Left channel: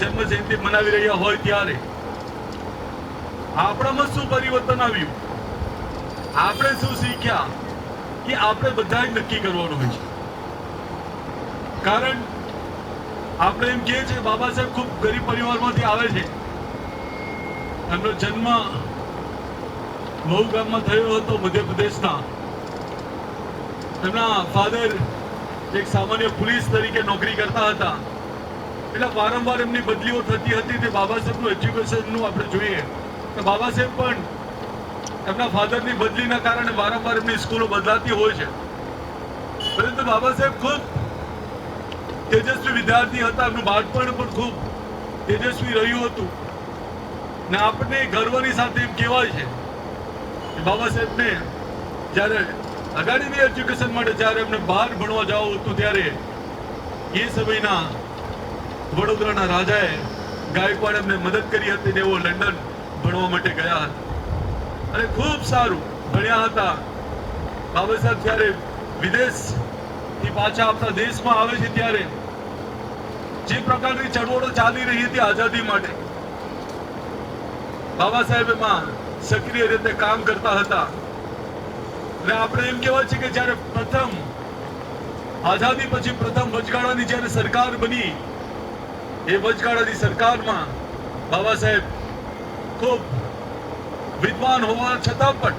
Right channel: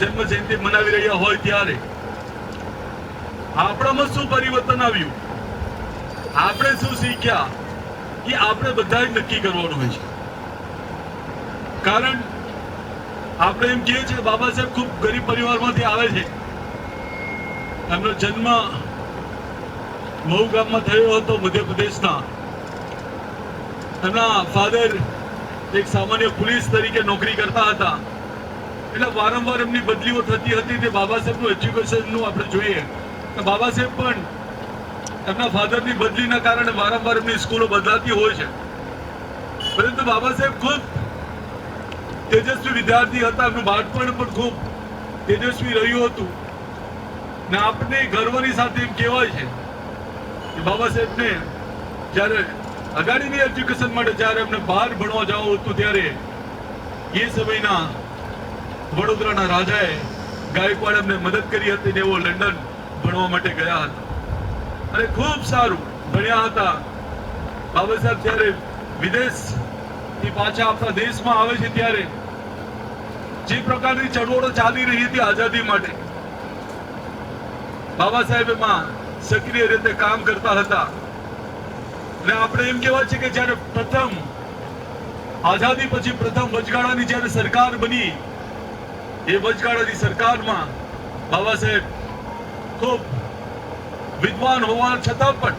જન્મ જયંતિ મનાવી રહ્યા હોય ત્યારે આપણામાં શું પરિવર્તન આવ્યું, આપણે શું શીખ્યા કે આપણે બધા જ નક્કી કરવાનું હોય છે. કારણ આપણે એમ કહીએ છીએ બાબા સાહેબ ખૂબ ગરીબ પરિવારમાંથી આવે છે. એમનો જન્મ મહુ ગામમાં થયો હતો મધ્યપ્રદેશના. એમના ફાધર એક સામાન્ય પોલીસ તરીકે નોકરી કરતા હતા. એટલે વારંવાર એમની બદલીઓ થતી હતી. તે બાબા સાહેબનું એજ્યુકેશનનું આપણે જોઈએ તો બાબા સાહેબ પણ એમના ફાધરની બદલીના કારણે વારંવાર એમની સ્કૂલો બદલાતી હોય છે. પરંતુ બાબા સાહેબ ખૂબ તેજસ્વી વિદ્યાર્થી હતા. એમનું બાળપણ પણ ખૂબ તેજસ્વી રહ્યું હતું ને આપણને ગર્વની સાથે એમ કહેવાય છે કે બાબા સાહેબને જ્યારે અગાડીની એજ્યુકેશન માટે જ્યારે એમને બહાર ભણવા જવું હતું ત્યારે એ સમયના વડોદરાના રાજાએ ગાયકવાડ એમને મદદ કરી હતી ને એવો લંડન ભણવા માટે ગયા હતા અને ખૂબ સારું ભણ્યા હતા. બાબા સાહેબ જ્યારે વિદેશથી પાછા આપણા દેશમાં આવે છે ત્યારે જે પ્રકારની ચળવળો ચાલી રહી હતી આઝાદી માટે, બાબા સાહેબ એમાં સક્રિય રીતે કામ કરતા હતા. અને આપણે એમ કહેવાય છે કે જ્યારે પ્રથમ આઝાદી પછી પ્રથમ વચગાળાની જ્યારે સરકાર બની, એ વચગાળાની સરકારમાં બાબા સાહેબ ખૂબ વિદ્વાન હોવા છતાં પણ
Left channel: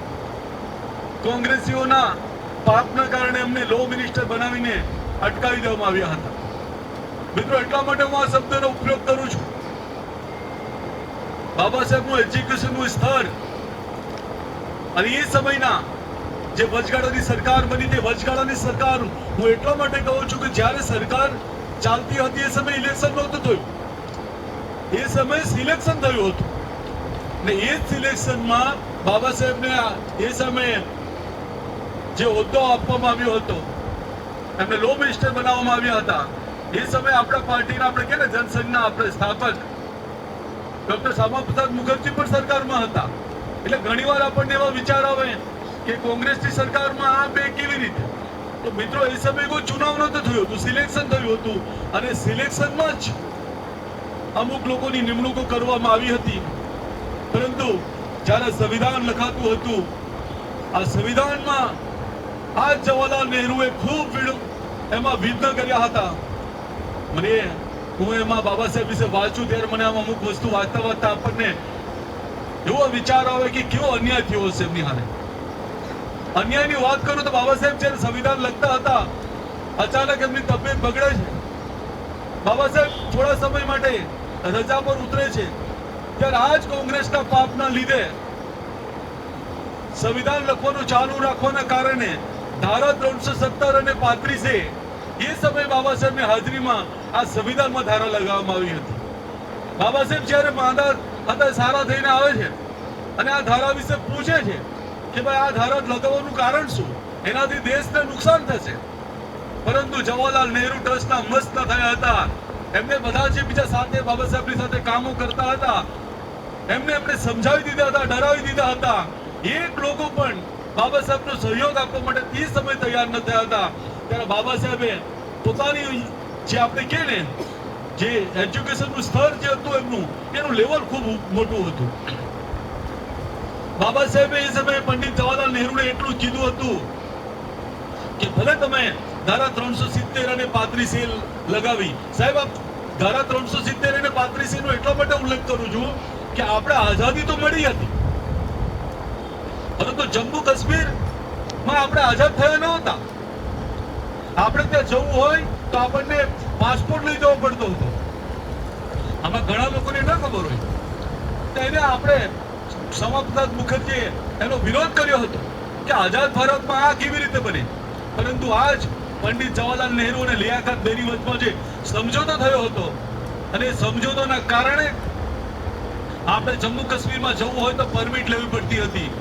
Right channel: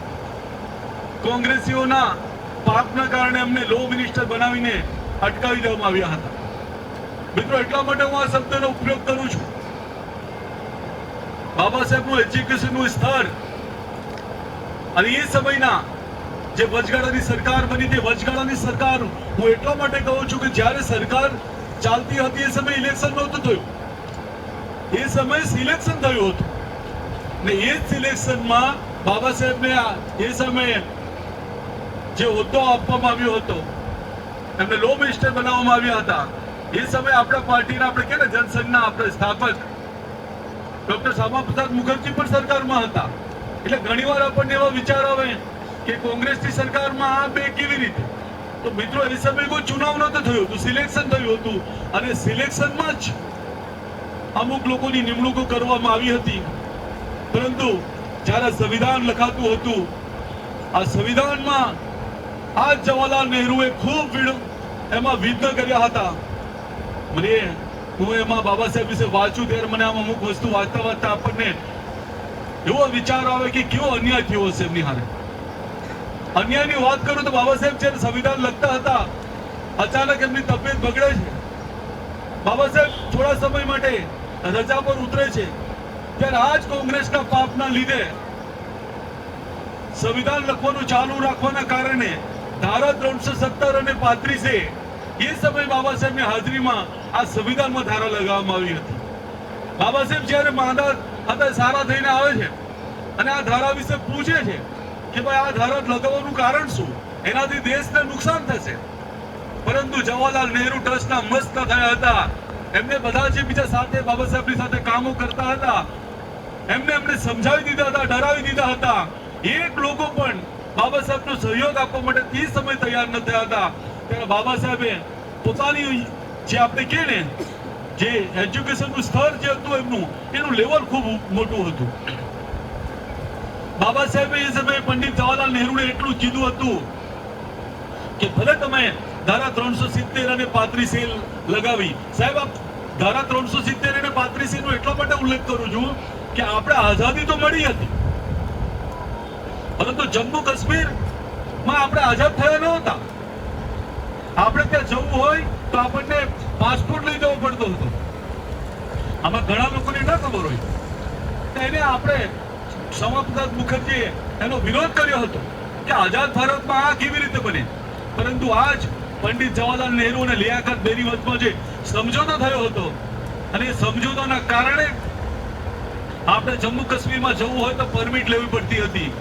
કોંગ્રેસીઓના પાપના કારણે અમને લો મિનિસ્ટર બનાવીને અટકાવી દેવામાં આવ્યા હતા. મિત્રો, એટલા માટે હું આ શબ્દનો ઉપયોગ કરું છું. બાબા સાહેબનું એજ્યુકેશનનું સ્તર અને એ સમયના જે વચગાળાની સરકાર બની તે વચગાળાની સરકાર હું એટલા માટે કહું છું કે જ્યારે સરકાર ચાલતી હતી એ સમયે ઇલેક્શન નહોતું થયું. એ સમયે સિલેક્શન થયું હતું ને એ સિલેક્શનમાં બાબા સાહેબને એ સમયે જે હોદ્દો આપવામાં આવ્યો હતો, એમને લો મિનિસ્ટર બનાવવામાં આવ્યા હતા. એ સમયે આપણા પાર્ટીના આપણે કે ને જનસંઘના આપણે સ્થાપક ડોક્ટર શ્યામા પ્રસાદ મુખર્જી પણ સરકારમાં હતા. એટલે ઘણીવાર આપણને એવા વિચાર આવે કે કોંગ્રેસની સરકારમાં આ બે કેવી રીતે? તો મિત્રો, એ સમયે કોઈ ચુનાવ નહોતું થયું હતું, સિલેક્શન થયું હતું અને સિલેક્શનમાં જ અમુક લોકોની નિમણૂકો કરવામાં આવી હતી. પરંતુ જ્યારે સંવિધાન લખાતું હતું, આ સંવિધાનમાં આ જવાહરલાલ નહેરુએ ખૂબ એમાં વિઘ્ન કર્યા હતા. હું એમાં બાબા સાહેબ વિશે વાંચું ત્યારે મને આમ અમુક વસ્તુ વાંચતા વાંચતા આપણને એવો વિચાર આવે કે કેવો અન્યાય થયો હશે એમની હારે. અન્યાયની વાત કરું તો બાબા સાહેબ જ્યારે સંવિધાન લખતા હતા, અચાનક એમની તબિયત બગડે છે. બાબા સાહેબ થોડા સમય માટે રજા પર ઉતરે છે. ત્યારે આ જ કોંગ્રેસના પાપના લીધે સંવિધાન લખવાનું ચાલુ રાખવાના કારણે ધારા 317 અને 35 એ સમયે બાબા સાહેબની હાજરીમાં આ સંવિધાનમાં ધારા લગાવવામાં આવી હતી. બાબા સાહેબ જ્યારે માંદા હતા સારા થઈને આવે છે અને આ ધારા વિશે પૂછે છે કે ભાઈ આ ધારા લગાવવાનું કારણ શું, એનાથી દેશને નુકસાન થશે. પરંતુ જવાહરલાલ નહેરુ ટ્રસ્ટના મસ્ત થયા હતા. એમને બધા જે બીજા સાથે બાબા સાહેબની સાથે કામો કરતા હતા એમને સમજાવી દીધા હતા, ડરાવી દીધા હતા. એક લોકો પણ બાબા સાહેબનો સહયોગ આપવા માટે તે સમય તૈયાર ન થયા હતા. ત્યારે બાબા સાહેબે પોતાની જે આપણે કહે ને જે એજ્યુકેશનનું સ્તર જે હતું એનું લેવલ ખૂબ મોટું હતું. બાબા સાહેબે એ સમયે પંડિત જવાહરલાલ નહેરુને એટલું કીધું હતું કે ભલે તમે ધારા 370 અને 35 લગાવી. સાહેબ, આપ ધારા 370 અને 35 નો એટલા માટે ઉલ્લેખ કરું છું કે આપણે આઝાદી તો મળી હતી, પરંતુ જમ્મુ કાશ્મીરમાં આપણે આઝાદ થયા ન હતા. આપણે ત્યાં જવું હોય તો આપણને પાસપોર્ટ લઈ જવો પડતો હતો. આમાં ઘણા લોકોને ન ખબર હોય એને આપણે શ્યામા પ્રસાદ મુખર્જીએ એનો વિરોધ કર્યો હતો કે આઝાદ ભારતમાં આ કેવી રીતે બને. પરંતુ આજ પંડિત જવાહરલાલ નહેરુ અને લિયાકત બેની વચ્ચે જે સમજોતો થયો હતો અને સમજોતાના કારણે આપણે જમ્મુ કાશ્મીરમાં જવું હોય તો પરમિટ લેવી પડતી હતી.